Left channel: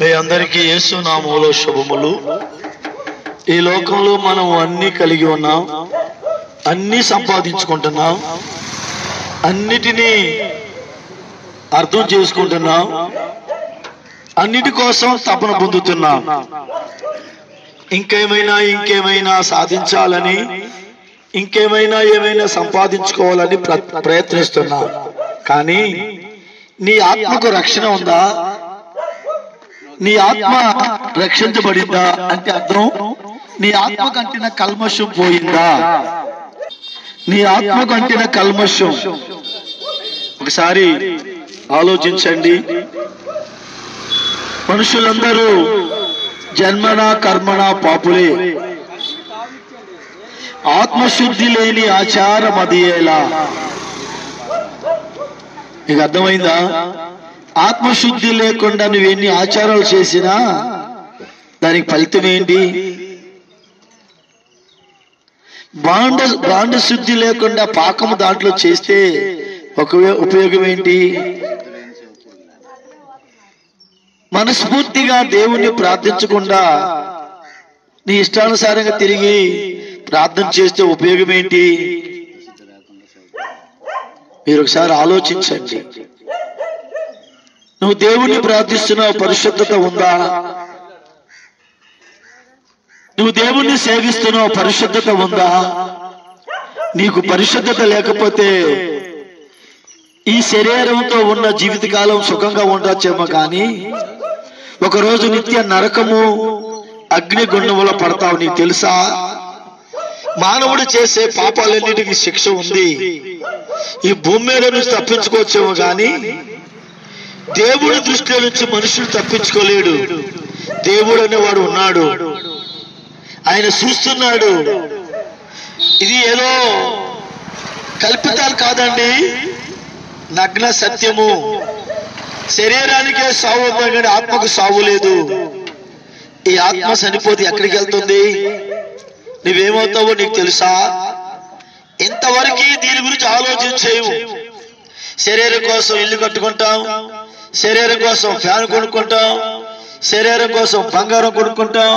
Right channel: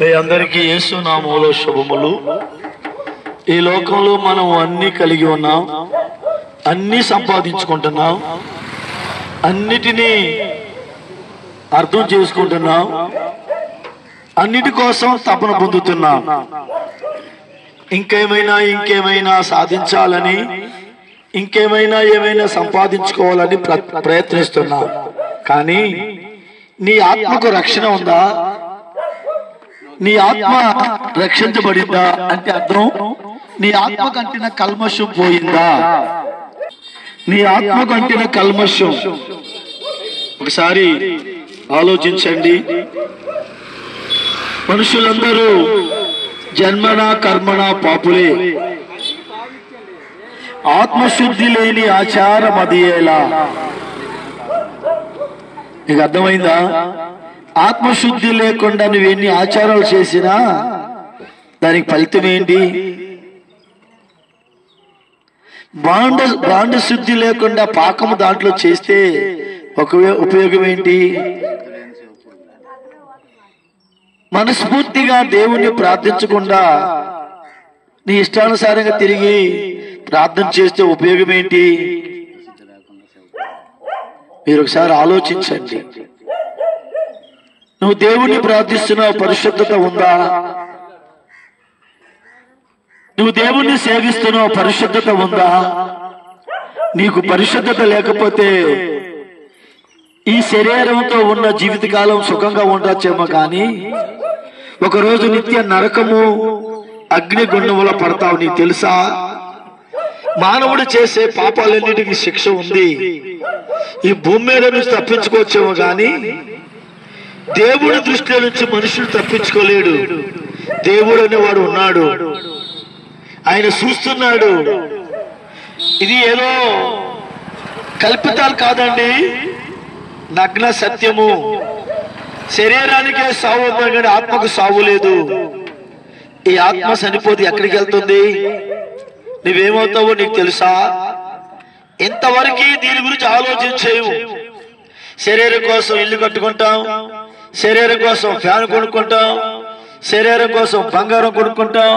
మీ అందరికీ యేసు నామములో శుభములు. ఈ లోకంలో మనం అన్ని కలిగి ఉన్నాం, అన్ని సంపాదించుకుంటున్నాం, అన్నిటినీ అర్థం చేసుకుంటున్నాం, అన్నిటి కోసం తపన పొందుతున్నాం. ఇంకేమైనా సాధించాలని, ఏమైనా సంపాదించుకోవాలని ప్రయత్నిస్తున్నాం. కానీ నీ ఆత్మకు రక్షణ ఉందా? నీ ఆత్మ రక్షించబడిందా అంటే అర్థం నీ ఆత్మ కంటిన కల్మషం పోయిందా? నీ ఆత్మ కంటిన కల్మషం ఒకసారి ఆలోచించండి. మనుషులందరూ జన్మన కర్మణ పాపులే, ఆత్మశుద్ధి లేని ఆచారం అదియేలా. నీకు అర్థమైందా? ఆత్మశుద్ధి లేకుండా నువ్వు ఎన్ని ఆచారాలు చేసినా దానికి ఫలితం ఏంటి? బాండ శుద్ధి లేకుండా పాకము దాంట్లో చేస్తే ఉపయోగం ఏంటి? మనస్ఫూర్తిగా దేవుణ్ణి ప్రార్థించకుండా నీ ఇష్టానుసారంగా తిరిగి ప్రార్థన చేస్తే ఉపయోగం ఏంటి? మీరు ఒకసారి ఆలోచించండి. నువ్వు దేవుణ్ణి ప్రార్థిస్తున్నావు, పరిశుద్ధత ఉందా? నువ్వు దేవుణ్ణి సేవిస్తున్నావు, పరిశుద్ధత ఉందా? నీకు పరిశుద్ధత లేకపోతే ఈ శరీరంతో ఉన్న జీవితకాలం సుఖంగా ఉండొచ్చేమో, కానీ ఒకరోజు నిత్య నరకము అగ్నిగుండంలో పడతావు. నీకు తెలుసా? మానవుడు చేసే పాపాలన్నిటికీ శిక్ష ఉంది. ఈ భూమి మీద నుంచి తప్పించుకోవచ్చేమో, కానీ దేవుడి దృష్టిలో నుంచి మనుషులు తప్పించుకోలేడు. దేవుడు అనేవాడు ఉన్నాడు, ఆయన చూస్తున్నాడు. ఇది ఏదో కల్పితాలు కాదండి, నగ్న సత్యము. శరీరానికే సావు ఉంది కానీ ఆత్మకు సావు లేదు. ఈ ఆత్మ చనిపోతే ఎక్కడికి వెళ్తుంది? నువ్వేమవుతావో నీకు తెలుసా? ఇంతవరకు దీని గురించి ఆలోచించేవు. శరీరం కోసం ఇల్లు కట్టుకుంటాం, శరీరం కోసం ఫ్యాన్ కొనుక్కుంటాం, శరీరం కోసం బంగారం కొనుక్కుంటాం,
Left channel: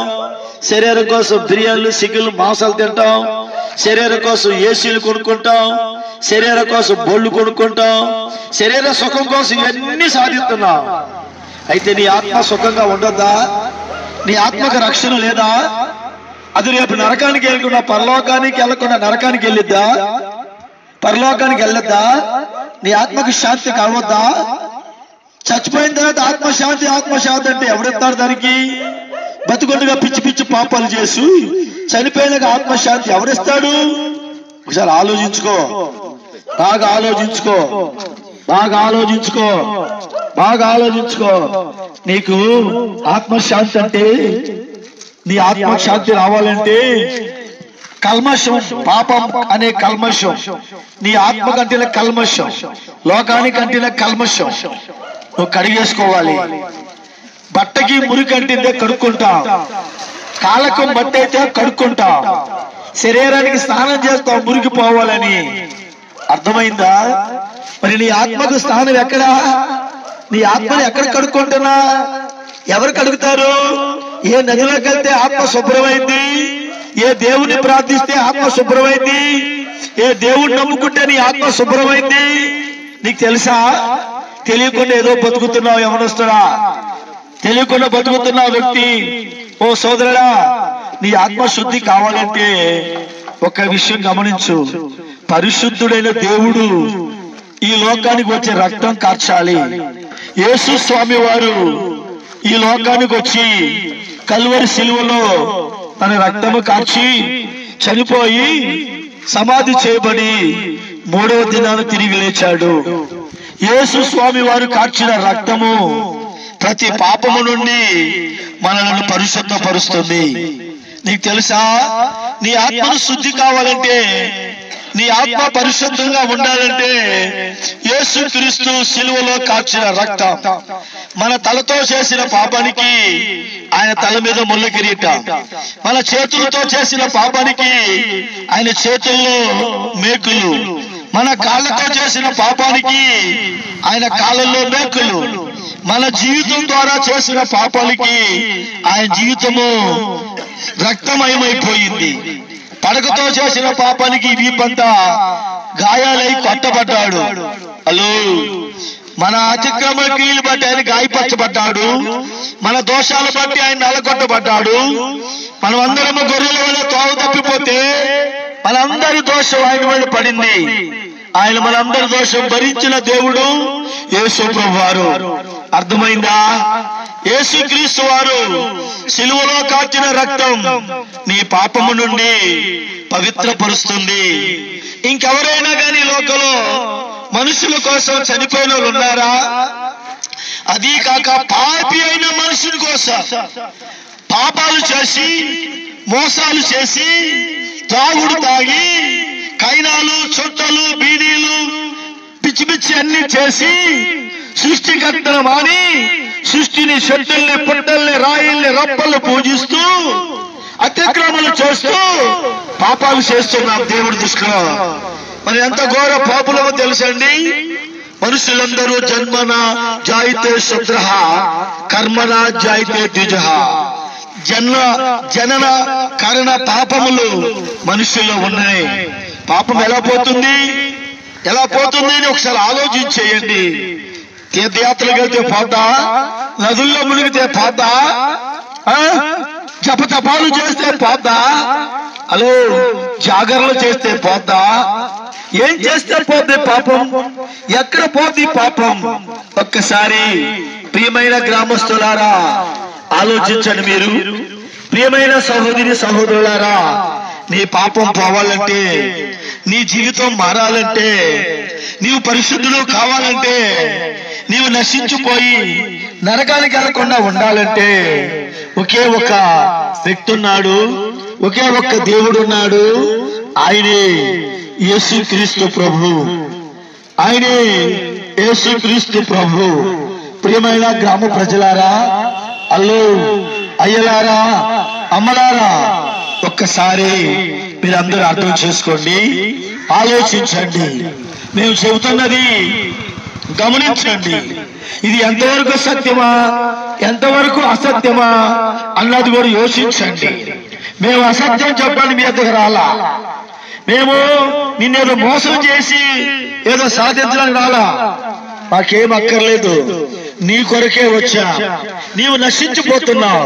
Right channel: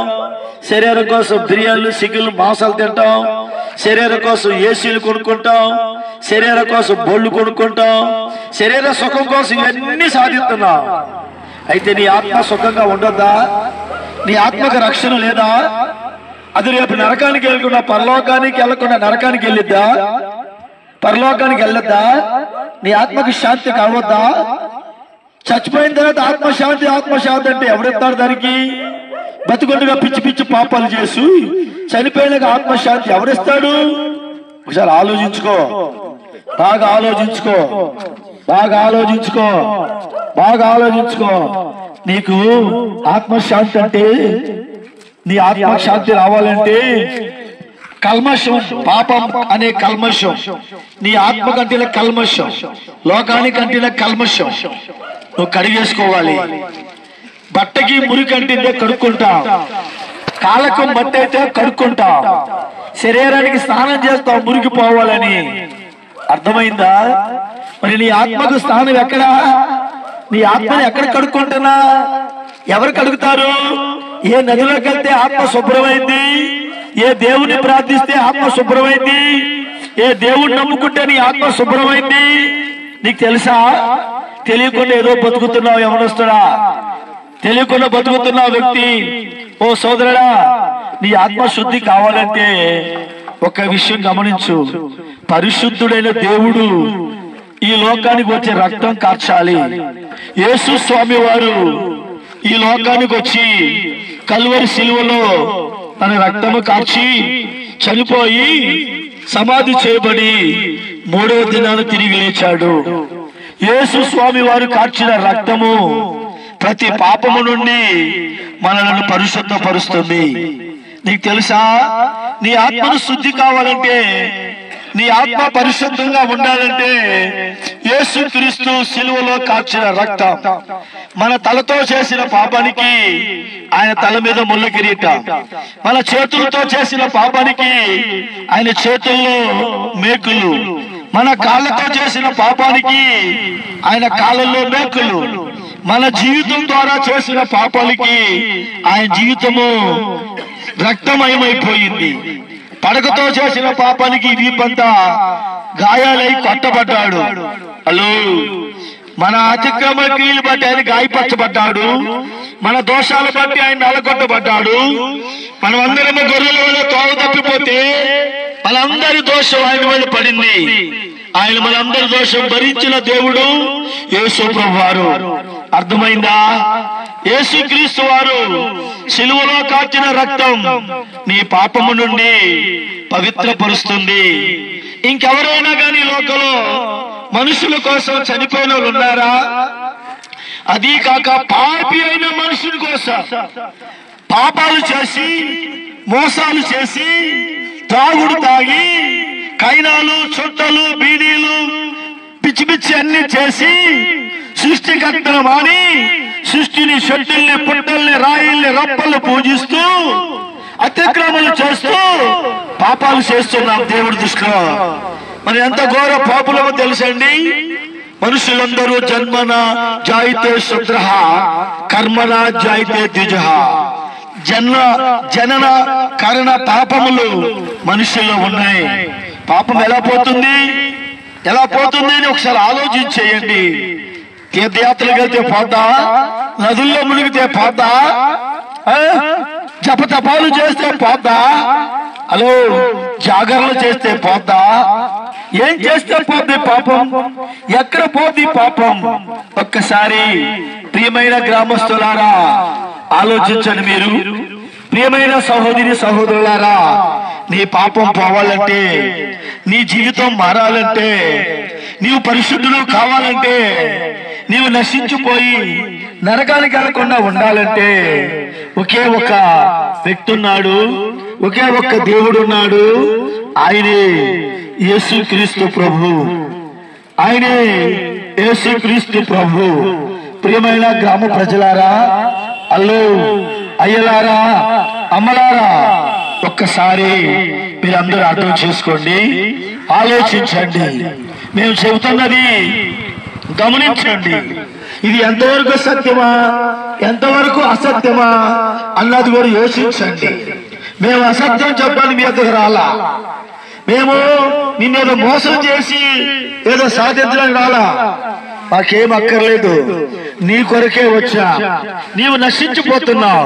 శరీరం కోసం బిర్యానీలు సిగ్గులు మాంసాలు తింటాం, శరీరం కోసం ఏసీలు కొనుక్కుంటాం, శరీరం కోసం బొళ్ళు కొనుక్కుంటాం, శరీర సుఖం కోసం ఇవన్నీ సాధిస్తున్నాం. అయితే నీ ఆత్మ సుఖంగా ఉండద్దా? నీ ఆత్మకు రక్షణ లేదా? అది రేపు నరకానికి వెళ్ళకుండా పరలోకానికి వెళ్ళకుండా నరకానికి వెళ్ళిద్దా? పరలోకానికి వెళ్ళొద్దా? నీ ఆత్మకు శాంతి కావద్దా? చచ్చిపోయిన తర్వాత ఆత్మశాంతి అంటే ఎవడెత్తాడు దానికి? బతుకుండగా పిచ్చి పిచ్చి పాపాలు చేసి చనిపోయినాక ఆత్మశాంతి ఎవడిస్తాడు? ఒకసారి ఆలోచించుకో, బాగా ఆలోచించుకో. నీకు ఆత్మశాంతి అంటే, నీ ఆత్మశాంతి రావాలంటే కల్మషం, పాపం అనే కల్మషం, నీ ఆత్మ కంటిన కల్మషం, లోకానికి అంటిన కల్మషం నువ్వు కడిగేసుకోవాలి. బట్టకి మురికి అంటిందే కడుక్కుంటాం, కాళ్ళకు బట్ట అయితే కడుక్కుంటాం, శరీరానికి స్నానం చేస్తాం మురికి పోవాలని. అర్థమైందా? మరి నీ ఆత్మకు స్నానం ఎక్కడా? నీ ఆత్మని ఎక్కడ కడుక్కుంటున్నా? ఎవరు కడుగుతారు? ఏ నదిలోకి వెళ్తే ఆత్మ శుభ్రమైంది? ఏ దేవుణ్ణి ప్రార్థిస్తే ఆత్మ శుభ్రమైంది? ఏ దేవుణ్ణి నమ్ముకుంటే నీ ఆత్మ శుభ్రమైంది? నీకు తెలుసా? తెలియకుండా ఏదో బతుకుతున్నావు యవనస్తుడా, తెలియకుండా బతుకుతున్నావు వ్యక్తి. ఓ సోదరుడా, నీ ఆత్మశుద్ధి కావాలంటే ఒక విషయం గమనించు. పరిశుద్ధుడైన దేవుడు ఈ లోకానికి వచ్చి రక్తం కార్చాలి. యేసు స్వామి వారు ఈ లోకానికి వచ్చి కల్వరి సిలువలో తన రక్తము కార్చి చనిపోయి సమాధి చేయబడి 3వ దినాన తిరిగి లేచాడు. యేసు స్వామి వారు కార్చిన రక్తము ప్రతి పాపము నుండి మనలను పరిశుద్ధపరుస్తుంది. నీకు తెలుసా? నీ ఆత్మను శుద్ధి కావాలంటే, నీ ఆత్మ పరిశుద్ధంగా ఉండాలంటే యేసు క్రీస్తు సిలువలో కార్చిన రక్తం. మన తలతో చేసిన పాపానికి ఆయన తల మీద ముళ్ళ కిరీటం, మన చేతులతో చేసిన పాపానికి ఆయన చేతుల్లో మేకులు, మన కాళ్ళతో చేసిన పాపానికి ఆయన కాళ్ళల్లో మేకులు, మన జీవితం ద్వారా చేసిన పాపాలకి ఆయన జీవితము రక్తమయమైపోయింది. పడకతో చేసిన పాపానికి వీపంతా గాయాలై కొట్టబడ్డాడు. హలో, మన అతిక్రమ క్రియలు బట్టి ఆయన గాయపరచబడ్డాడు. మన దోషాలు బట్టి ఆయన నలగొట్టబడ్డాడు. మనమందరము గొర్రెల వల్ల తోవ తప్పిపోతే మనందరి దోషం ఆయన మీద పడింది. ఆయన మనందరి దోషం భరించిన దేవుడు యేసు ప్రభు వారు. అర్థమైందా? యేసు క్రీస్తు వారు సిలువలో కాచిన రక్తం నీ పాపము నుండి పవిత్రపరుస్తుంది. ఇంకెవరైనా కానీ లోకంలో మనుషుల కోసం చనిపోయిన వాళ్ళు ఉన్నారా? అది కాక పాపి అయిన మనుషుల కోసం పాపాలు చేసి, మోసాలు చేసి, తాగుడు తాగి, కైనాలు, చుట్టలు, బీడీలు, పిచ్చి పిచ్చి అన్ని చేసి, సృష్టికర్తను మాని సృష్టిని, షెడ్డుల్ని, పుట్టల్ని, రాయిల్ని, రప్పలు పూజిస్తూ అతిక్రమలు చేస్తూ పాపాలు చేస్తున్నాం దేవుడి దృష్టిలో. మరి ఎంత ఘోర పాపులమో తెలుసండి. మనుషులందరూ జన్మన జాయితే శుద్ర, కర్మన జాయితే ద్విజ. జనన కరణ పాపములు మనుషుల్లో ఉన్నాయి. పాపం ఎలా పోతుంది అని ఒకసారి ఆలోచించేయండి. తీర్థయాత్రలకు వెళ్తే పోద్దా? నదుల్లో మునిగితే పోద్దా? జపతపాలు చేస్తే పోద్దా? హలో, జాగరణలు చేస్తే పోద్దా? ఏం చేస్తే పోద్ది పాపం? ఎక్కడ పోద్ది పాపం? ఒక్కసారి ప్రియమైన గ్రామస్తులారా ఆలోచించండి. మీరు ప్రియమైన సహోదరి సహోదరులారా, నీ పాపం పోవాలంటే, నీ జీవితం మారాలంటే, నీవు పరిశుద్ధుడు కావాలంటే, నీవు నశించిపోయి నరకానికి వెళ్లకుండా ఉండాలంటే ఒకే ఒక వ్యక్తి ఉన్నాడు, ఒకే ఒక్క దేవుడు ఉన్నాడు. ఆయనే యేసుక్రీస్తు ప్రభు. ఆయనే యేసుక్రీస్తు ప్రభు. ప్రియమైన గ్రామ ప్రజలారా, అల్లు అయ్యలారా, అమ్మలారా, ఒక్కసారి మీరందరూ అర్థం చేసుకోండి, ఆలోచించండి. మేము చెబుతున్నది గమనించండి. ఇది ఎంతవరకు సత్యమా, ఎంతవరకు అసత్యమా అన్నది కూడా యోచించండి. మేము అసత్యం చెప్పడానికి మీ దగ్గర రాలా. మేము నిన్నేదో మోసం చేసి ఏదో సాధించడానికి రాలా. మాకేం అక్కర్లేదు, నీ కొరకే వచ్చా. నీవు నశించిపోతున్నావు,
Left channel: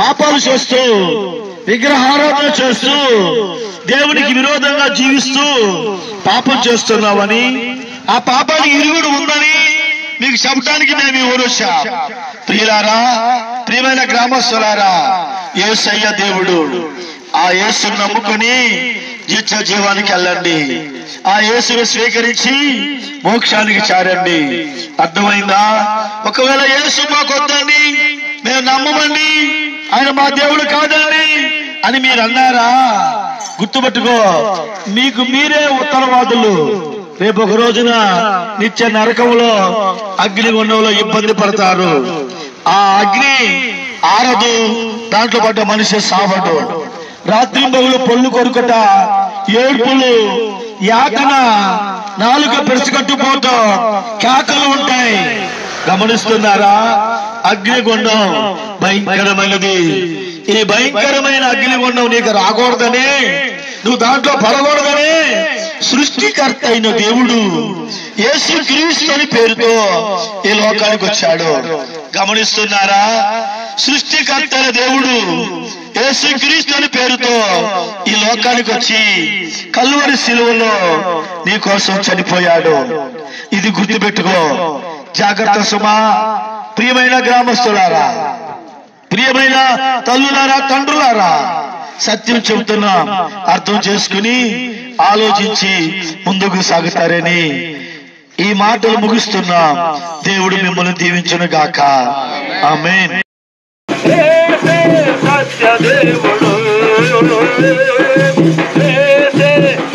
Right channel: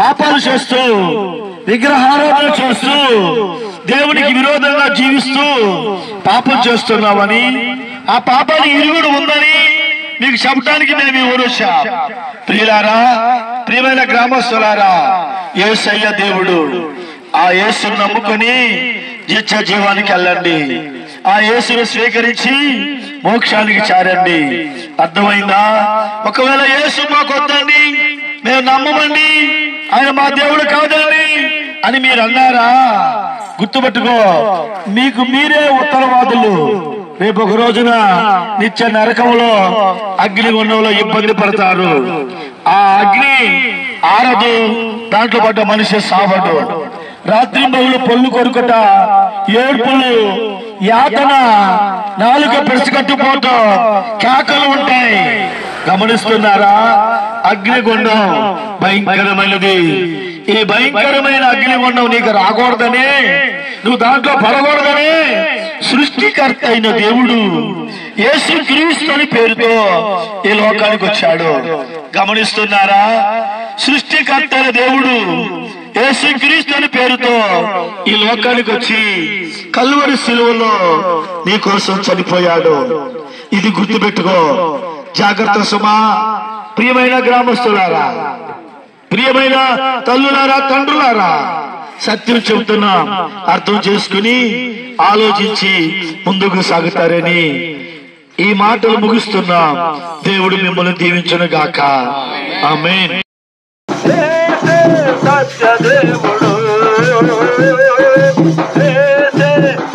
పాపాలు చేస్తూ, విగ్రహారాధన చేస్తూ, దేవునికి విరోధంగా జీవిస్తూ పాపం చేస్తున్నావని, ఆ పాపానికి ఇరుగుడు ఉందని మీకు చెప్పడానికి మేము ఊరు వచ్చా. ప్రియులారా, ప్రియమైన గ్రామస్తులారా, యేసయ్య దేవుడు. ఆ యేసును నమ్ముకుని నిత్య జీవానికి వెళ్ళండి. ఆ యేసును స్వీకరించి మోక్షానికి చేరండి. అర్థమైందా? ఒకవేళ యేసు మాకు వద్దండి, మేము నమ్మమండి, ఆయన మా దేవుడు కాదండి అని మీరు అన్నారా? గుర్తుపెట్టుకో, మీకు మీరే ఉత్తరవాదులు. రేపు ఒక రోజున నిత్య నరకంలో అగ్నిగుండంలో ఇబ్బంది పడతారు. ఆ అగ్ని ఆరదు, దాంట్లో పడ్డ మనిషి సావడు. రాత్రి బదులు పొల్లు కొరుకట, ఏడ్పులు, యాతన, నాలుక పెరుచుకట్టుపోతూ కేకలు ఉంటాయి. గమనిస్తున్నారా? అగ్నిగుండం భయంకరమైనది. ఈ భయంకరమైన అగ్నిగుండం నీకు రాకూడదని, నువ్వు దాంట్లో పడకూడదని సృష్టికర్త అయిన దేవుడు యేసుక్రీస్తు అని పేరుతో ఈ లోకానికి వచ్చాడు. గమనిస్తున్నారా? సృష్టికర్త అయిన దేవుడు యేసుక్రీస్తు అని పేరుతో ఈ లోకానికి వచ్చి కల్వరి శిలువలో నీ కోసం చనిపోయాడు. ఇది గుర్తుపెట్టుకో, జాగ్రత్త సుమా. ప్రియమైన గ్రామస్తులారా, ప్రియమైన తల్లులారా, తండ్రులారా, సత్యం చెబుతున్నా, అర్థం చేసుకుని ఆలోచించి ముందుకు సాగుతారని ఈ మాటలు ముగిస్తున్నా. దేవుడు మిమ్మల్ని దీవించును గాక. ఆమేన్. సత్యదేవుడు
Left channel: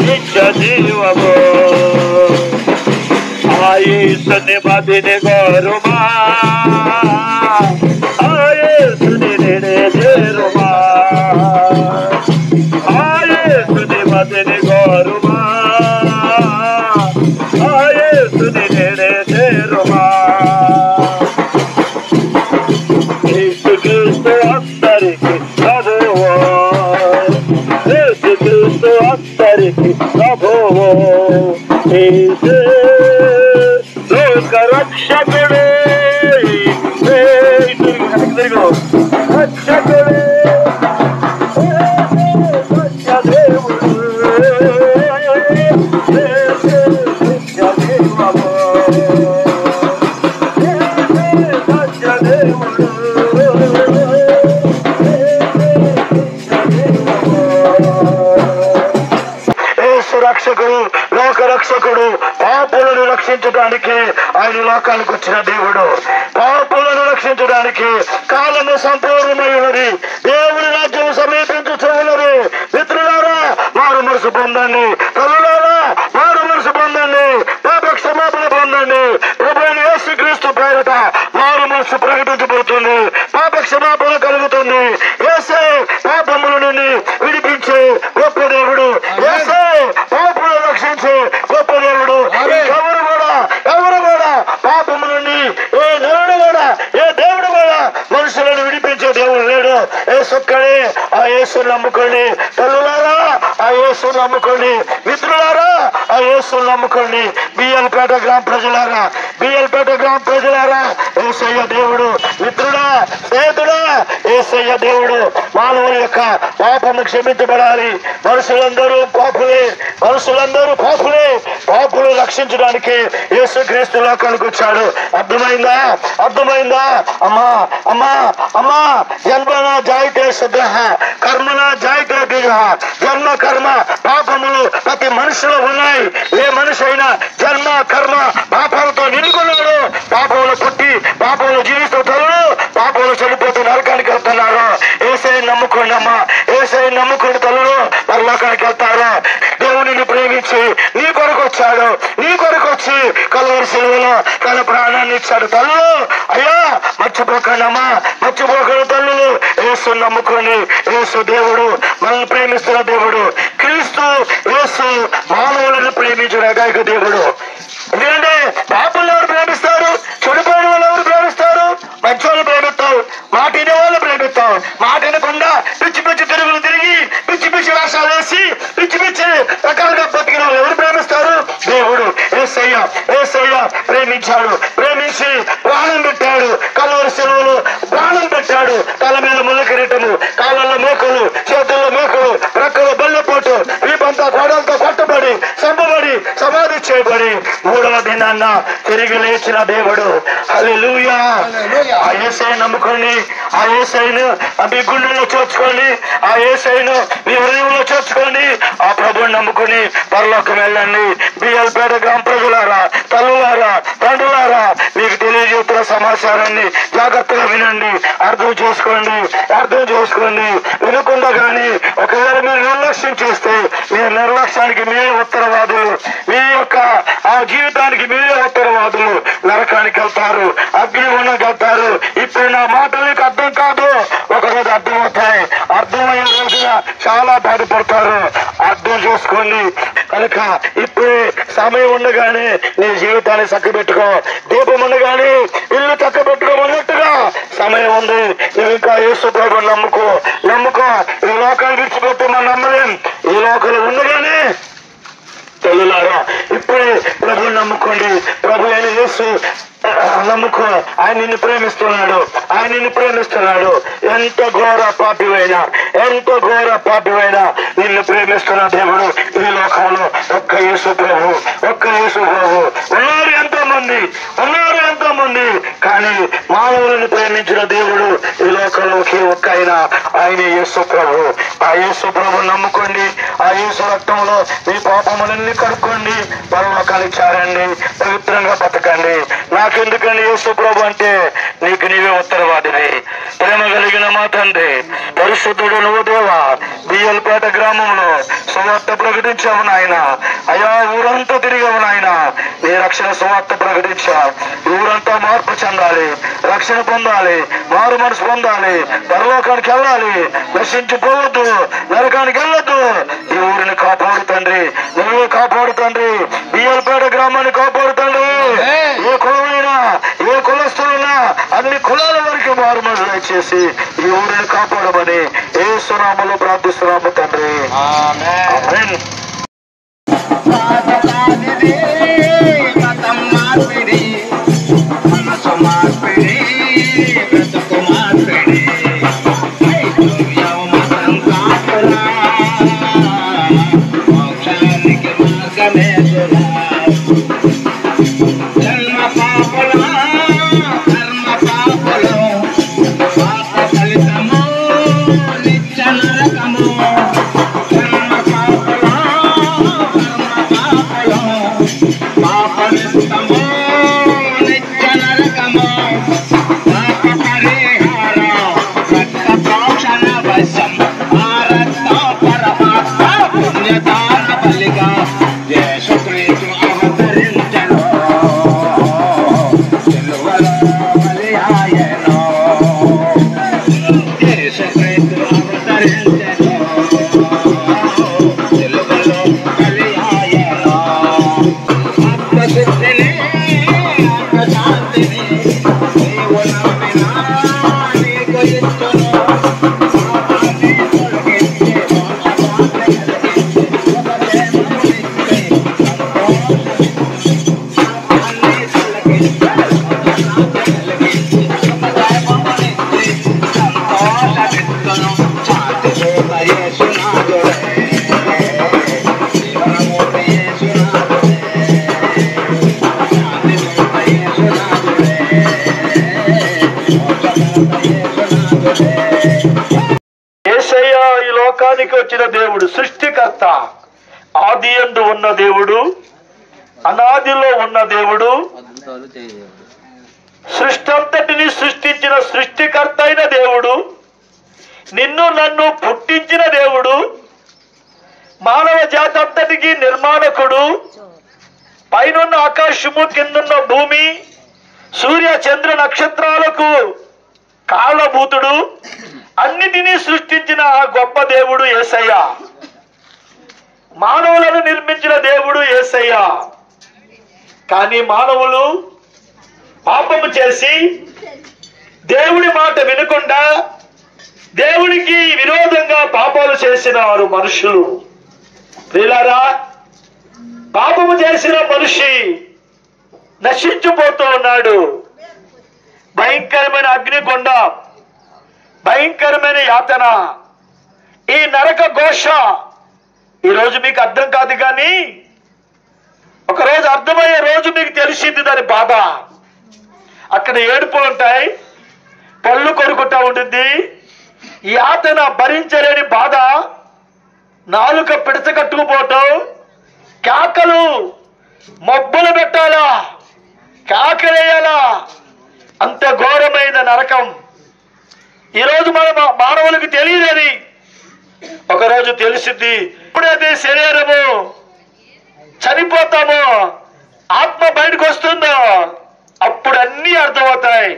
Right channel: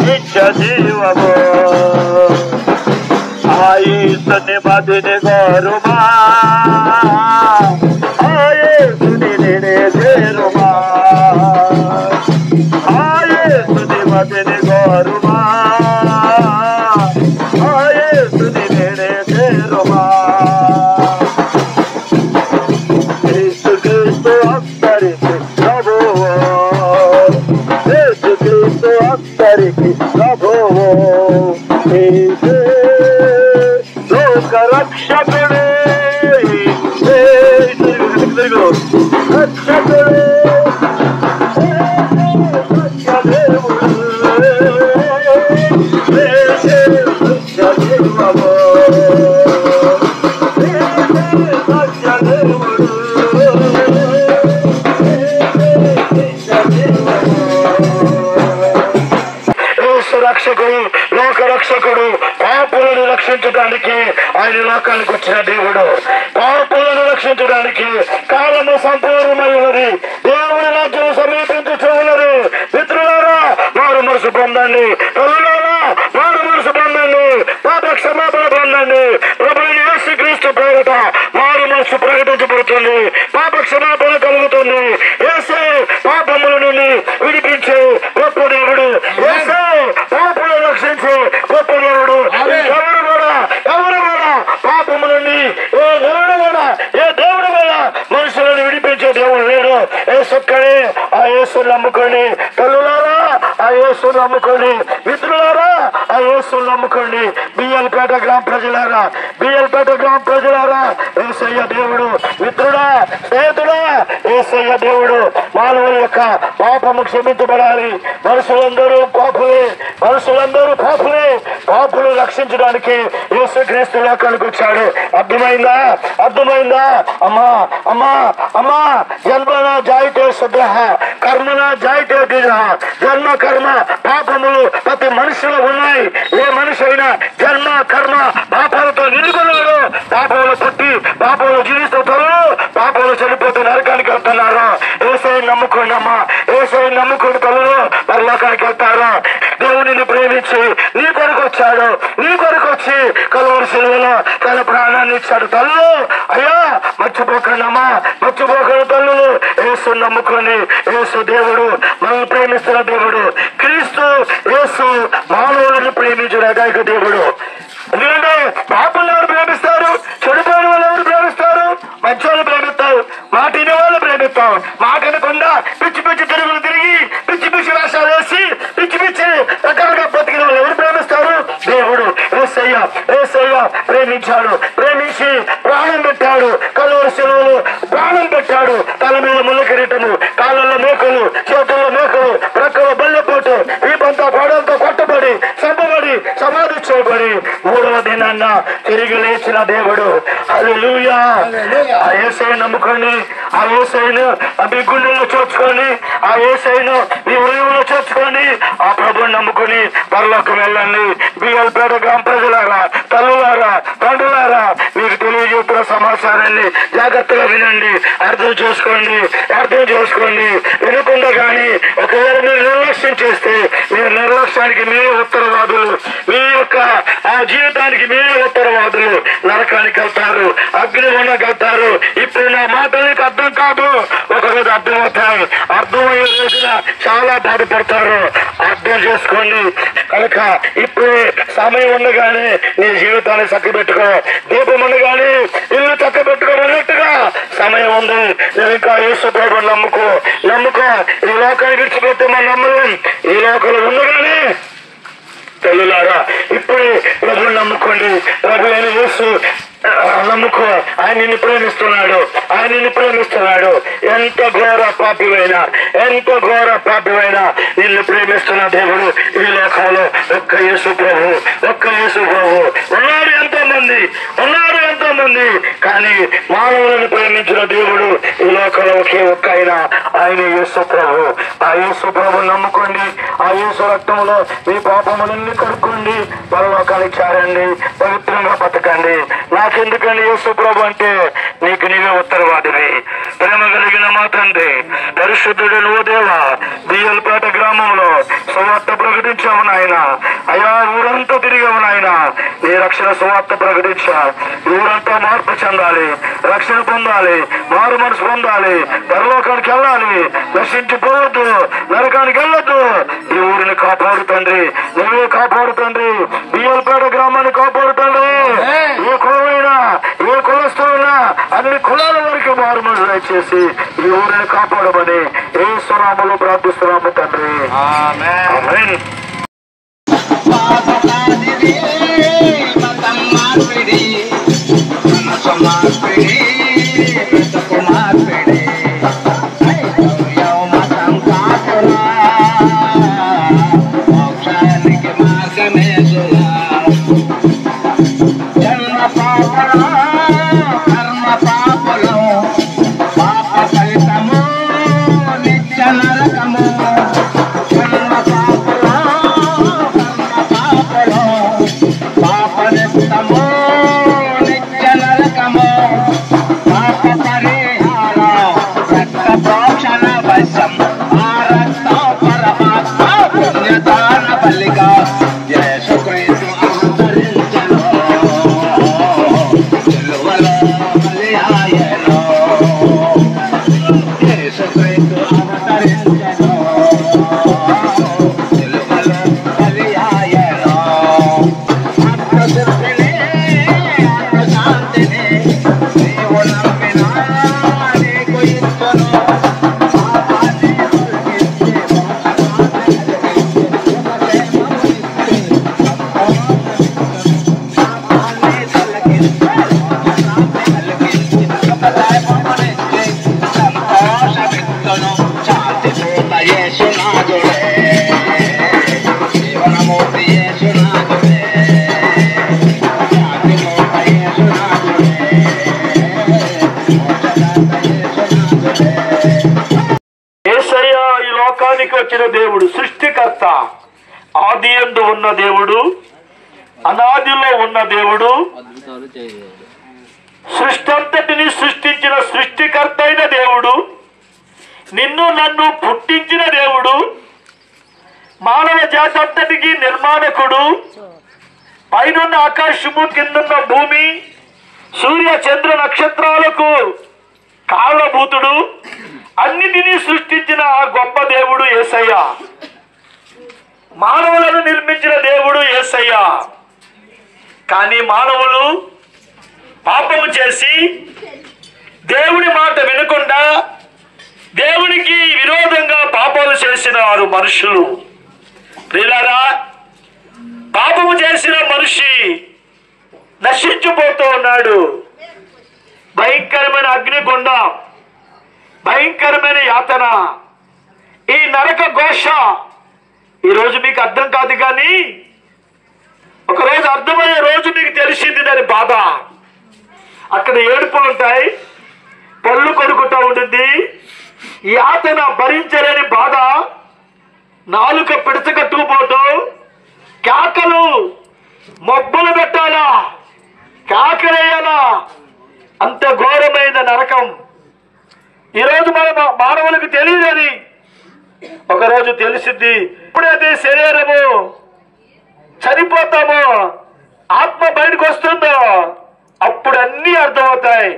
నిత్య జీవము ఆయేసుని మదిని గోరుమా, ఆయేసుని నేనే చేరుమా, ఆయేసుని మదిని గోరుమా, ఆయేసుని నేనే చేరుమా. సర్వము సత్యదేవుడు రక్షకుడు లోక రక్షకుడు పాపులను రక్షించడానికి ఆయన లోకానికి వచ్చిన దేవుడు. పాపులను రక్షించడానికి కాలము సంపూర్ణమైనది. దేవుడి రాజ్యం సమీపించుతూ ఉన్నది. మిత్రులారా మారు మనసు పొందండి. తల్లులారా మారు మనసు పొందండి. పాప క్షమాపణ పొందండి. ప్రభువైన యేసుక్రీస్తు పేరిట మారు మనసు ప్రకటించబడుతుంది. పాప క్షమాపణ కలుగుతుంది. యేసే పాపముల నుండి విడిపించే గొప్ప దేవుడు. యేసే పాపులను రక్షించే గొప్ప దేవుడు. ఎవరు కూడా పాపము నుండి ఏ దేవుడు కూడా మనుషులను విడిపించే దేవుడు లేడు. యేసొక్కడే. ఆ యేసుని నమ్ముకోండి. తల్లులారా ఆ యేసుని నమ్ముకోండి. మిత్రులారా ఆ యేసుని నమ్ముకోండి. బిఎల్పేట గ్రామ ప్రజలారా యేసయ్య దేవుడు. మిత్రుడా స్నేహితుడా యేసయ్య దేవుడు. మానవుల యొక్క పాపము క్షమించబడాలి. మనుషులందరూ పాపులే. పాపులు రక్షించడానికి యేసుక్రీస్తు లోకానికి వచ్చాడు. అర్థమైందా? అమ్మా జన్మన జాయితే సద్రహ కర్మన జాయితే దిగహ. జన్మ కర్మ పాపములు ప్రతి మనిషిలో ఉన్నాయి. ఏ మనిషి అయినా జన్మ కర్మ పాపాలతో నిండుకున్నాడు. పాపములు పుట్టి పాపములు జీవిస్తున్నారు. పాపములు చనిపోతే నరకానికి వెళ్తున్నారు. యేసయ్యను నమ్ముకోండి అమ్మా. యేసయ్యను నమ్ముకోండి తల్లులు పరలోకానికి వెళ్తారు. దేవునిని ప్రేమించి నీ కొరకు వచ్చాడు. నీ కొరకు వచ్చి కలువరి సిలువలో తన ప్రాణాన్ని ఇచ్చాడు. తల్లు అయ్యా మర్చిపోకండి అమ్మా. మర్చిపోకండి తల్లులు. యేసు నమ్ముకోండి. యేసు దేవుడు మనల్ని ప్రేమిస్తున్న దేవుడు. క్రీస్తు యేసు మానవులను ప్రేమించిన ఏకైక దేవుడు. ఎందుకంటే పాపులను ఎవరు ప్రేమిస్తారు? చెడిపోయిన వాళ్ళు ఎవరు ప్రేమిస్తారు? మంచి వాళ్ళు ప్రేమిస్తారు. మాటిన వాళ్ళు ప్రేమిస్తారు. మాటినకుండా పిచ్చి తిరుగులు తిరిగి పిచ్చి వేషాలు వేసి పిచ్చి రకాలుగా బతికిన వాళ్ళు ఎవరు ప్రేమిస్తారు? దేవుడు. యేసయ్య ప్రేమించాడు. ప్రేమించి ప్రాణం పెట్టాడు. కలువరి సిలువలో ప్రాణం పెట్టాడు. తల మీద ముళ్ళ కిరీటము, కాళ్ళల్లో మేకలు, చేతుల్లో మేకలు, ప్రక్కలో బల్లెపోటు, వీపంతా గోడలతో కొట్టబడి చంపబడి సమాధి చేయబడి మూడవ దినాన్న తిరిగి లేచిన దేవుడు. హల్లెలూయా. ఆ యేసయ్యను నమ్ముకోండి. ఆ యేసయ్యను మీ గుండెల్లో చేర్చుకోండి. ఆ యేసయ్యను మీ హృదయంలో చేర్చుకోండి. ఆ ప్రభువుని నమ్ముకుని పరలోకం వెళ్ళండి. బిఎల్పేట గ్రామ ప్రజలారా, తల్లులారా, తండ్రులారా మీకు తెలియజేస్తున్న సమాచారాన్ని జాగ్రత్తగా వినండి. అర్థం చేసుకోండి. వినకుండా కానీ ఒకవేళ మీరు నిర్లక్ష్యం చేస్తే మీ నిర్లక్ష్యానికి మీరే ఉత్తరవాదులు. మీ యొక్క ఆ జీవితానికి మీరే ఉత్తరవాదులు. నరకానికి వెళ్తారు. అగ్నిగుండానికి వెళ్తారు. ఇప్పుడు నా మాటలు నీకు అర్థం కాదు. ఒకరోజు అర్థమవుతాయి. అర్థమయ్యే రోజున చాలా బాధపడతారు. అర్థం చేసుకోండి. కనుక ఇప్పుడు సమయం ఉండగానే నీ జీవితాన్ని చక్కబెట్టుకో. దీపం ఉండగానే ఇల్లు చక్కబెట్టుకోమన్నట్టుగా సమయం ఉంది. నువ్వు ఇంకా యేసు ప్రభువుని నమ్ముకో. ఈ లోకాన్ని విడిచిపెట్టి మనం నమ్మలేం. ఈ లోకంలో ఉండగానే తల్లులారా ఇప్పుడే ప్రభువుని నమ్ముకోండి. ప్రభు అయిన యేసు నమ్ముకో. ఆయన నిన్ను ప్రేమిస్తున్నాడు. ఎంత ఘోర పాపివైనా నిన్ను ప్రేమిస్తున్న దేవుడు ఈ లోకంలో ఒక్క యేసు ప్రభు. ఉన్నారు ఎంతో మంది కానీ మానవులను ప్రేమించిన దేవుడు ఈ లోకంలో ఒకే ఒక్క ఆయన యేసు ప్రభు. ఆ యేసు ప్రభుని నమ్ముకోండి. ఆ యేసు రక్తంలో మీ పాపములన్నీ కడుక్కోండి. పరలోకానికి చేరండి. పవిత్రంగా బతకండి. నాకెందుకండి యేసు ప్రభు అంటే నీకు నీవే ఉత్తరవాదివి. ప్రేమ కలిగిన మా తండ్రి, పరిశుద్ధుడు నువ్వు దేవా. బిఎల్పేట గ్రామంలో సువార్త ప్రకటించాము నాయన. అయా ఊరంతా తిరిగాము నాయన. నీ రక్షణ సువార్త ప్రకటించా. ఊరంతా మార్పు చెందాలి, రక్షణ పొందాలి, మారు మనసు పొందాలి, పరలోకానికి వెళ్ళాలి. నశించిపోవద్దు, నరకానికి వెళ్ళొద్దు. ఈ ఊరిని కాపాడు తండ్రి. నువ్వే కాపాడు తండ్రి. బిఎల్పేట గ్రామాన్ని కాపాడు తండ్రి. ఏ కులమైనా ఏ కులస్తులైనా అన్ని కులాల వరకు మారు మనసు చేసి ఈ ఊరిని కాపాడమని యేసు నామములో ప్రార్థిస్తున్నాము తండ్రి. ఆమేన్. పాపనిస్తము నిత్య నరకము పాప పరిహారం రక్త ప్రోక్షణ వశం ఆ రక్తం పరమాత్మ పుణ్యదాన బలిగా యేసుక్రీస్తు అవతరించెను సిలువలో బలి ఆయెను యేసుక్రీస్తు అవతరించెను సిలువలో బలి ఆయెను ఆత్మశుద్ధిని ఆత్మశాంతిని నీవు నమ్మినా నీకు ఇచ్చును పాపాన్ని తొలగించే మోక్షాన్ని కలిగించే శుభక్షేమమునిచ్చే పాపాన్ని తొలగించే శుభక్షేమమునిచ్చే సంతోషమిచ్చును శాంతి దూత యేసునాథుడే జీవనమూర్తి యేసునాథుడే శాంతి దూత యేసునాథుడే మోక్షదాత యేసునాథుడే. యేసయ్య ఈ లోకానికి వచ్చిన దేవుడు, సృష్టికర్త, ఆది యందు ఉన్న దేవుడు, అనాదిలో ఉన్న దేవుడు, సృష్టి అంతటిని సృష్టించిన సృష్టికర్త అయిన దేవుడు, నిన్ను నన్ను పుట్టించిన దేవుడు, మానవ జాతి అంతటికి నిర్మాణకుడు, పైనున్న ఆకాశము కిందున్న భూమి సూర్య చంద్ర నక్షత్రాలకు కారణభూతుడు, అన్నిటినీ సృష్టించిన ఆ గొప్ప దేవుడు యేసయ్య. మానవులను నిర్మించిన దేవుడు యేసయ్య. కానీ మానవులు పాపము చేసి దేవుడి మాట వినకుండా దేవునికి విరోధంగా పాపాలు చేసిన వారు మనుషులు. ప్రియులారా, పాపము చేసిన మనిషి నశించిపోతూ ఉన్నాడు. భయంకరమైన అగ్నిగుండ, భయంకరమైన యాతన, ఈ నరక ఘోష ఈరోజు మీకు అర్థం కాదు, కానీ ఒకరోజు అర్థమయ్యే రోజు మీకు తెలిసింది దాని బాధ. అక్కడ ఏడుపు ఉంటాయి, పళ్ళు కొరుకుతూ ఉంటుంది, యాతన భరించలేని బాధ, నాలుక పిడచకట్టుకుపోవటం, కేకలు, మబ్బులు పెట్టాలా, కేకలేయాలా, అంత ఘోరమైన నరకం. ఈరోజు మన మానవులకు తెలియదని ఒకరోజు తెలిసింది. ఎప్పుడైతే శరీరము చనిపోతామో, ఆత్మ బయటకు వస్తుందో, అప్పుడు అన్నీ అర్థమవుతాయి.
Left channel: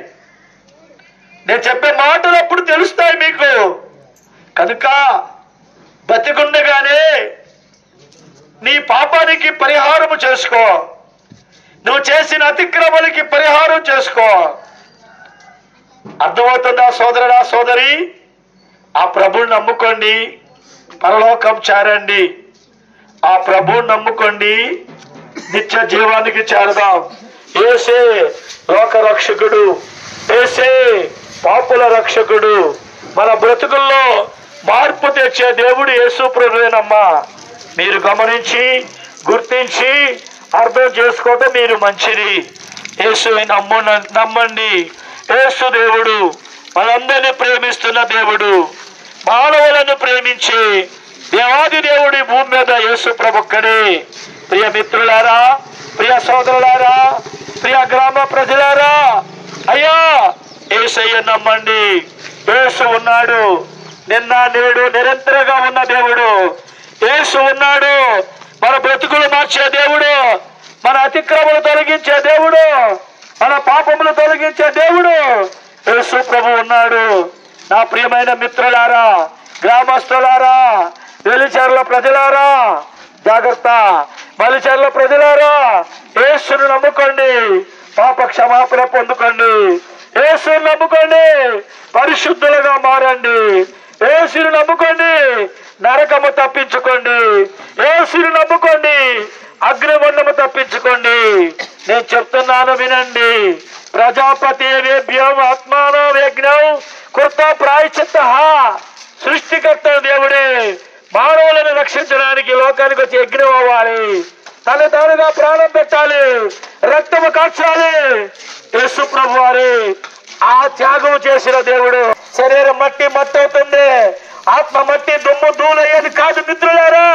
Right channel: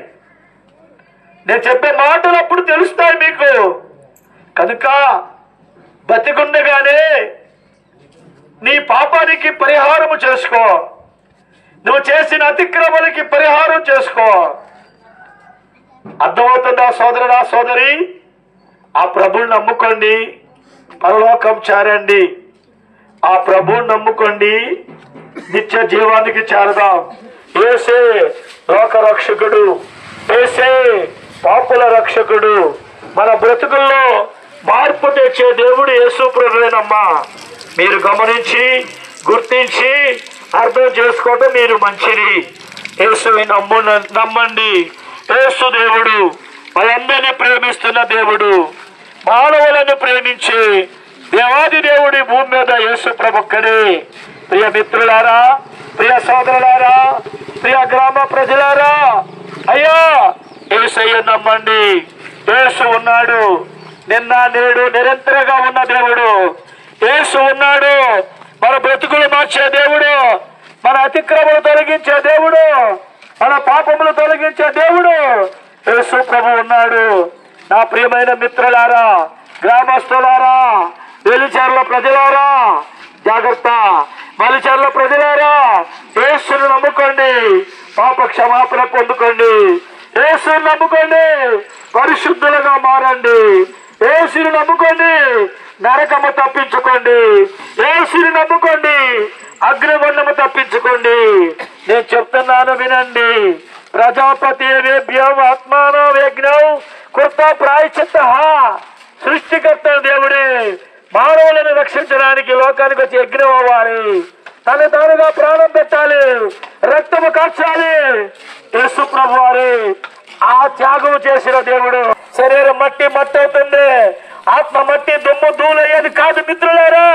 నేను చెప్పే మాటలు అప్పుడు తెలుస్తాయి మీకు. కనుక బతికుండగానే నీ పాపానికి పరిహారము చేసుకో, నువ్వు చేసిన అతిక్రమలకి పరిహారం చేసుకో. అర్థమవుతుందా సోదరుడా, సోదరి? ఆ ప్రభువుని నమ్ముకోండి, పరలోకం చేరండి. ఆ ప్రభువుని నమ్ముకోండి, నిత్య జీవానికి చేరదాం. యేసే లోక రక్షకుడు, యేసే పాపుల రక్షకుడు. మన బ్రతుకుల్లో మార్పు తెచ్చే దేవుడు యేసు ప్రభువేనమ్మా. మీరు గమనించి గుర్తించి అర్థం చేసుకోవటం మీరు మంచిది. యేసుని నమ్మండి. యేసు దేవుడు మనందరినీ ప్రేమిస్తున్న దేవుడు, మానవులను ప్రేమించి దేవాది దేవుడి భూమి మీద యేసు ప్రభుక్కడే. ప్రియ మిత్రులారా, ప్రియ సోదరులారా, ప్రియ గ్రామ ప్రజలారా, అయ్యా యేసయ్య నమ్మండి. యేసు ఉన్నాడు, నిన్న నేడు నిరంతరంగా ఉన్న దేవుడు. యేసు ఉన్నాడు, మన బ్రతుకులు మార్చే దేవుడు, మన అతిక్రమలు తొలగించే దేవుడు, మన పాపములు తొలగించే దేవుడు యేసు ప్రభు ఉన్నాడు. నా ప్రియమైన మిత్రులారా, గ్రామస్తులారా, వెలిచెర్ల ప్రజలారా, జాగ్రత్త. మలిచెర్ల ప్రజలారా, యేసును నమ్ముకోండి, పాప క్షమాపణ పొందుకోండి. యేసుని నమ్ముకోండి, పరిశుద్ధులుగా మారండి. యేసుని నమ్ముకోండి, నరకము తప్పించుకోండి. యేసుని నమ్ముకోండి, అగ్నిగుండము తప్పించుకోండి. నేను చెప్తున్నాను వినండి. ప్రజాపతి వేభ్యం ఆత్మానో యజ్ఞం కృత ప్రాయశ్చిత్త. సృష్టికర్త దేవుడే మానవులను రక్షించడానికి లోకానికి వచ్చి యజ్ఞం అవ్వాలి, తను తానుగా ప్రాణం పెట్టాలి, రక్తము కాచాలి. యేసు ప్రభు వారు ఆ త్యాగం చేసిన దేవుడు. శరీరం మట్టి మట్టి అవుతుంది, ఆత్మ మట్టి దుమ్ము ధూళయ్యేది కాదు. మిత్రులారా,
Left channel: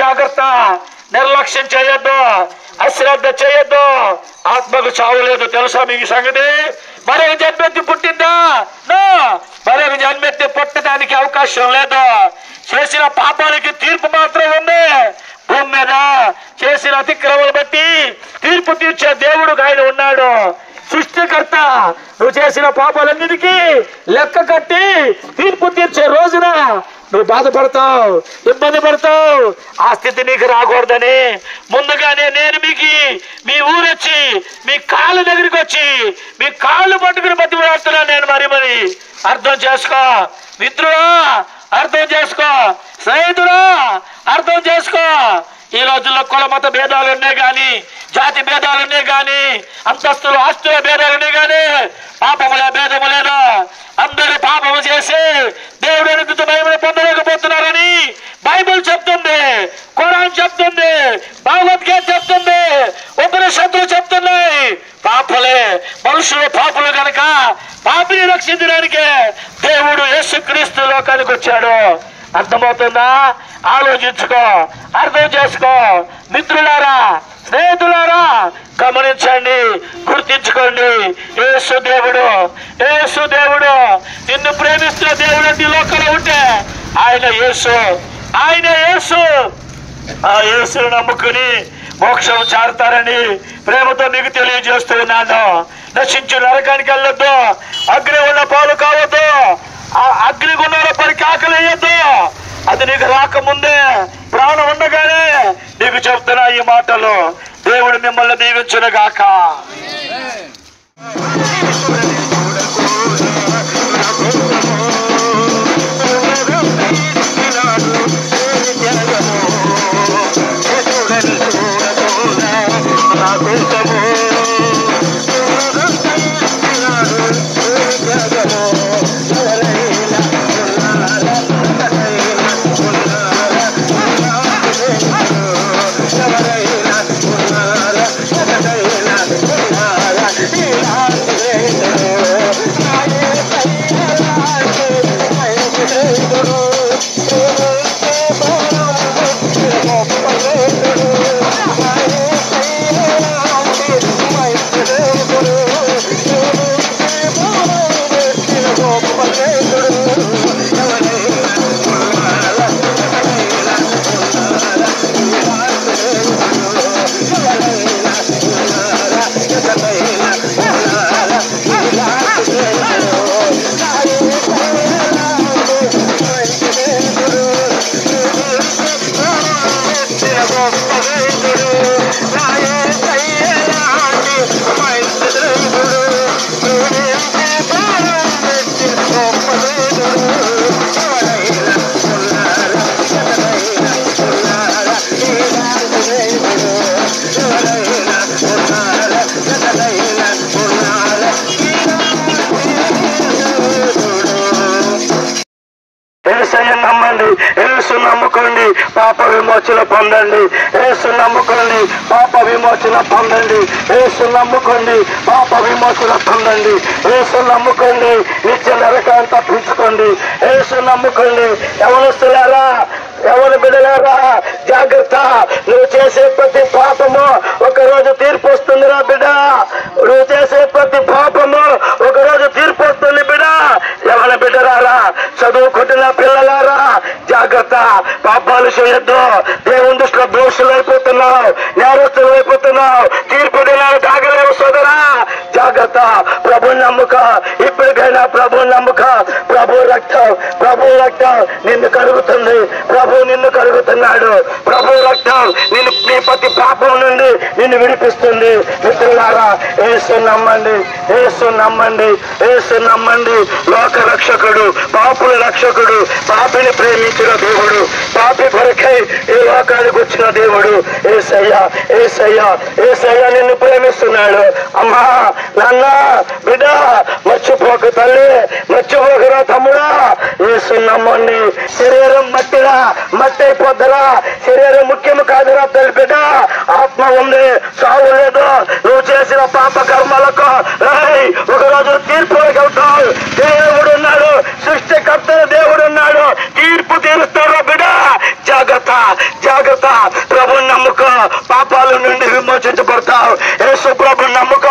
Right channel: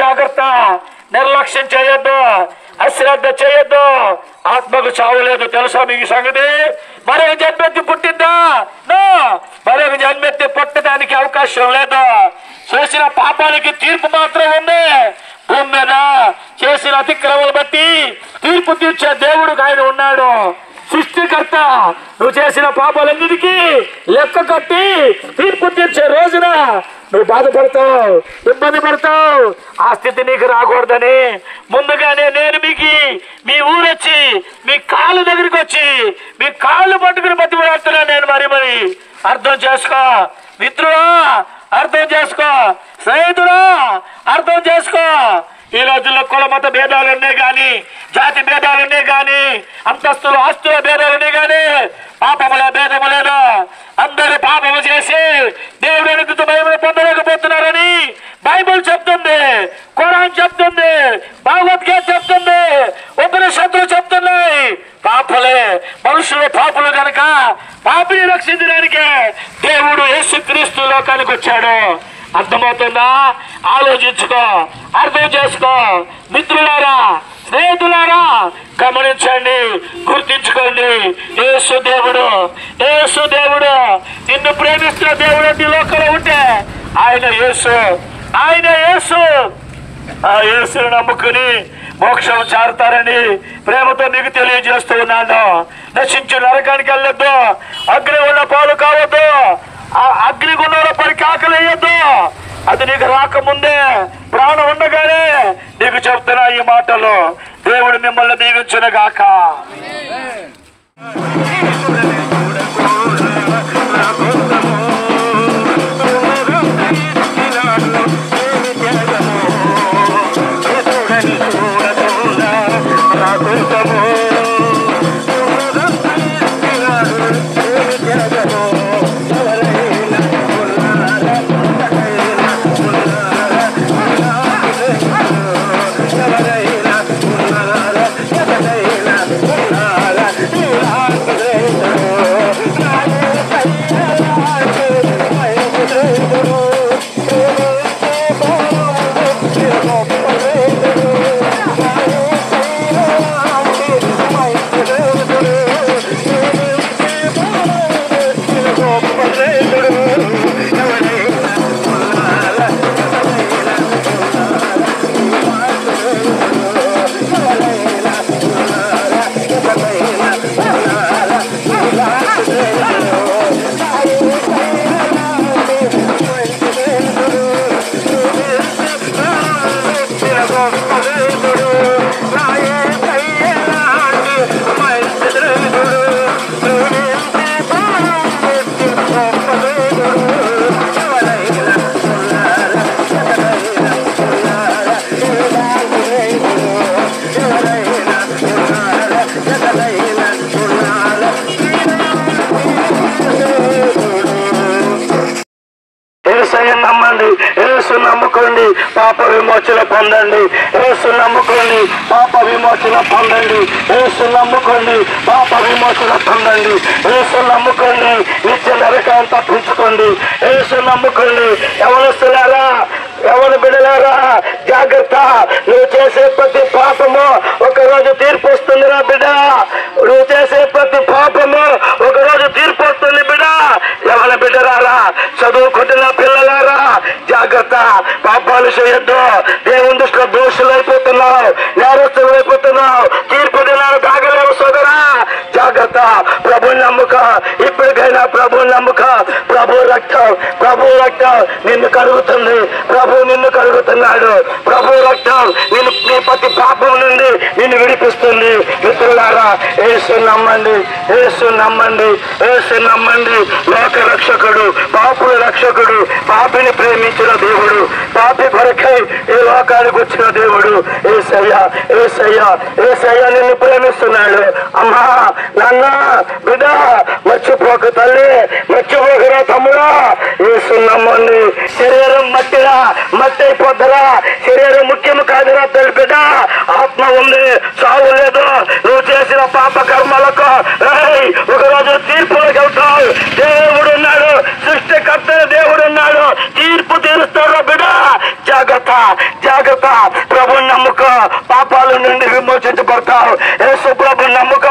జాగ్రత్త, నిర్లక్ష్యం చేయొద్దు. అశ్రద్ధ చేయొద్దు. ఆత్మకు చావు లేదు. తెలుసా మీకు సంగతి? మరొక జన్మెత్తి పుట్టిందా? మరొక జన్మెత్తి పుట్టడానికి అవకాశం లేదు. చేసిన పాపాలకి తీర్పు మాత్రం ఉంది. భూమి మీద చేసిన అతిక్రమలు బట్టి తీర్పు తీర్చే దేవుడు ఆయన ఉన్నాడు. సృష్టికర్త నువ్వు చేసిన పాపాలన్నిటికీ లెక్క కట్టి తీర్పు తీర్చే రోజున నువ్వు బాధపడతావు, ఇబ్బంది పడతావు. ఆ స్థితి నీకు రాకూడదని ముందుగానే నేను మీ ఊరొచ్చి మీ కాళ్ళ దగ్గరికి వచ్చి మీ కాళ్ళు పట్టుకుని బతిమలాడుతున్నాను నేను. మరి అర్థం చేసుకో మిత్రుడా, అర్థం చేసుకో స్నేహితుడా, అర్థం చేసుకో. ఈ రోజుల్లో కుల మత భేదాలున్నా గాని, జాతి భేదాలున్నా గాని, అంతస్తులు ఆస్తుల భేదాలున్నా గాని పాపముల భేదము లేదు. అందరూ పాపము చేసి దేవుడికి మహిమను పొందలేకపోతున్నారని బైబిల్ చెప్తుంది, ఖురాన్ చెప్తుంది, భగవద్గీత చెప్తుంది, ఉపనిషత్తులు చెప్తున్నాయి. పాపలే మనుషులు పాపులు కనుక పాపిని రక్షించడానికే దేవుడు యేసుక్రీస్తు లోకానికి వచ్చాడు. అర్థమవుతుందా? ఆలోచించుకో, అర్థం చేసుకో. మిత్రులారా, స్నేహితులారా, గమనించండి, గుర్తించుకోండి. యేసు దేవుడు నిన్ను ప్రేమిస్తున్న దేవుడు నీ లోకంలో ఉంటే ఆయన యేసు. ఆ యేసును నమ్ముకుని మోక్షం చారుతారని ప్రేమతో నీకు తెలియజేస్తూ ఉన్నాను. నశించు నరకానికి వెళ్ళొద్దు, అగ్ని ఉన్న పాలు కావద్దు, ఆ అగ్నిగుండంలో పరికి ఆకలి వేయొద్దు. అది నీకు రాకముందే, ప్రాణం ఉండగానే నీకు చెప్తున్నా ఈ మాటలు. దేవుడు మిమ్మల్ని దీవించును గాక. నమ్మండి, యేసు నమ్ముకోండి, పాప విమోచన పొందండి. యేసు నమ్ముకోండి, పాప విమోచన పొందండి. యేసు నమ్ముకోండి, పాప విమోచన పొందండి. యేసు నమ్ముకోండి, నిత్య నరకాన్ని తప్పించుకోండి. యేసు నమ్ముకోండి. యవనస్తులారా, యవన బిడ్డలారా, జాగ్రత్త. నువ్వు చేసే ప్రతి పాపము ఒకరోజు తీర్పు వస్తుందిరా బిడ్డ. నువ్వు చేసే ప్రతి పాపము ఒకరోజు తీర్పు వస్తుంది బిడ్డ. యవన బిడ్డలారా, చదువుకుంటున్న పిల్లలారా, జాగ్రత్త. పాపాలు చేయొద్దు. దేవుని దృష్టిలో దోషులు అయిపోతున్నావు, నేరస్తులు అయిపోతున్నావు. తీర్పు దినాలు కాగలేవు సోదరా, జాగ్రత్త. ప్రభు నమ్ముక, ఇప్పటికైనా ప్రభు నమ్ముక. ప్రభు రక్తం నిన్ను కడుగుతుంది. ప్రభు నిన్ను కడుగుతున్నాడు. ప్రభు రక్తం నీ ప్రతి పాపం నుండి నిన్ను విడిపిస్తుంది. మిత్రులారా, యేసు నమ్మండి, యేసు నమ్మండి, యేసు నమ్మండి. లోక రక్షకుడు, పాపుల రక్షకుడు, పాపిని ప్రేమించిన దేవుడు, పాపి కొరకై ఈ లోకానికి వచ్చిన దేవుడు యేసయ్య. యేసయ్య నిన్ను ప్రేమిస్తున్నాడు. అమ్మా, నాన్న, బిడ్డ, మర్చిపోక తల్లి, మర్చిపోకరా తమ్ముడా. యేసు నమ్మండి. శరీరం మట్టిరా, మట్టి అయిపోద్దరా. శరీరం ముఖ్యము కాదురా తల్లి బిడ్డ. ఆత్మ ఉంది, చావు లేదు. నువ్వు చేసిన పాప కర్మలకు ఒకరోజు తీర్పులకు వెళ్తావు. దేవుడు ఉన్నాడు, సృష్టికర్త దేవుడు ఉన్నాడు, తీర్పు తీరుస్తాడు బిడ్డ. జాగ్రత్త. ప్రభు నమ్ముకో, పాపాల నుండి విమోచించబడతావు. యేసు ప్రభు నమ్ముక,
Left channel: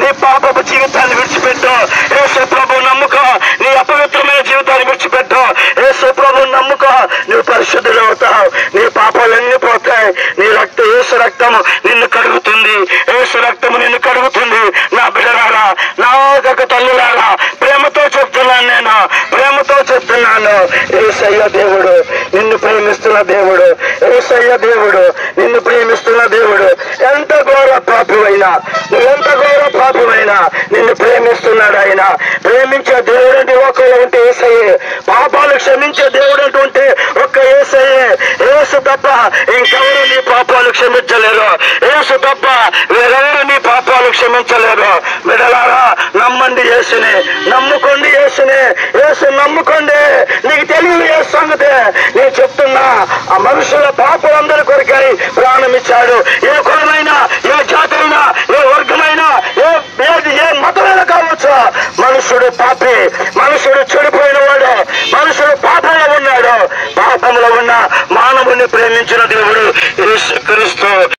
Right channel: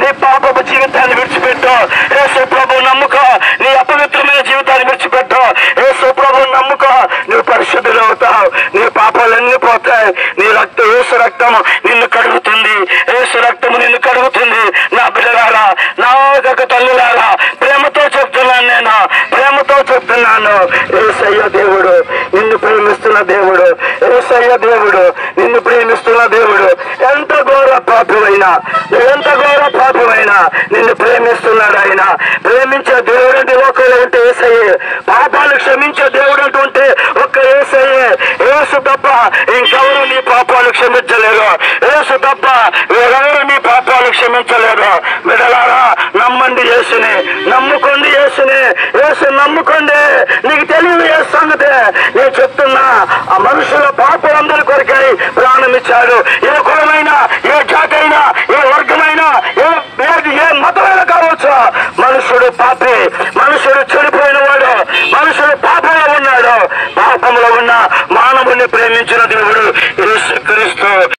నీ పాపపు జీవితాన్ని విడిచిపెట్టు. యేసు ప్రభు నమ్ముక, నీ అపవిత్రమైన జీవితాన్ని విడిచిపెట్టు. యేసు ప్రభు నమ్ముక, నీ పరిశుద్ధులు అవుతావు. నీ పాపాలన్నీ పోతాయి. నీ రక్తం, యేసు రక్తము నిన్ను కడుగుతుంది. యేసు రక్తము నిన్ను కడుగుతుంది. నా బిడ్డలారా, నా యొక్క తల్లులారా, ప్రేమతో చెప్తున్నాను, నేను ప్రేమతో చెప్తున్నాను. యేసయ్య దేవుడు నిన్ను ప్రేమిస్తున్న దేవుడు. యేసయ్య దేవుడు నిన్ను ప్రేమిస్తున్న దేవుడు. ఎంత ఘోర పాపివైనా, ఎంత ఘోర పాపివైనా నిన్ను ప్రేమిస్తున్నాడు ఆయన. ప్రేమించే దేవుడు అంటే ఒకరు అంటే యేసయ్యే. పాపాలు క్షమించే దేవుడు అంటుంటే ఒక్క యేసయ్యే. యేసు తప్ప ఇంకెవరు నీ పాపాలు క్షమించలేరు. యేసు తప్ప వేరెవరు నీ పాపాలు క్షమించలేరు. బిడ్డలారా, నమ్మండి యేసుని, నమ్ముకోండి యేసుని. యేసు నమ్ముకోండి. నీకు తెలియదు ఏ సంగతి నేను చెప్తున్నా. ఆ మనుషుల పాపలందరి కొరకై ప్రాణం ఇచ్చాడు. ఏ కులమైనా, ఏ జాతులైనా, ఏ వర్గమైనా, ఏ మతమైనా కావచ్చు. మనుషుడు పాపి, మనుషుడు చెడిపోయిన వాడు, మనుషుడు పాపంలో ఉన్నాడు. పాపంలో ఉన్న మానవుని ప్రేమించిన దేవుడు యేసుక్రీస్తు.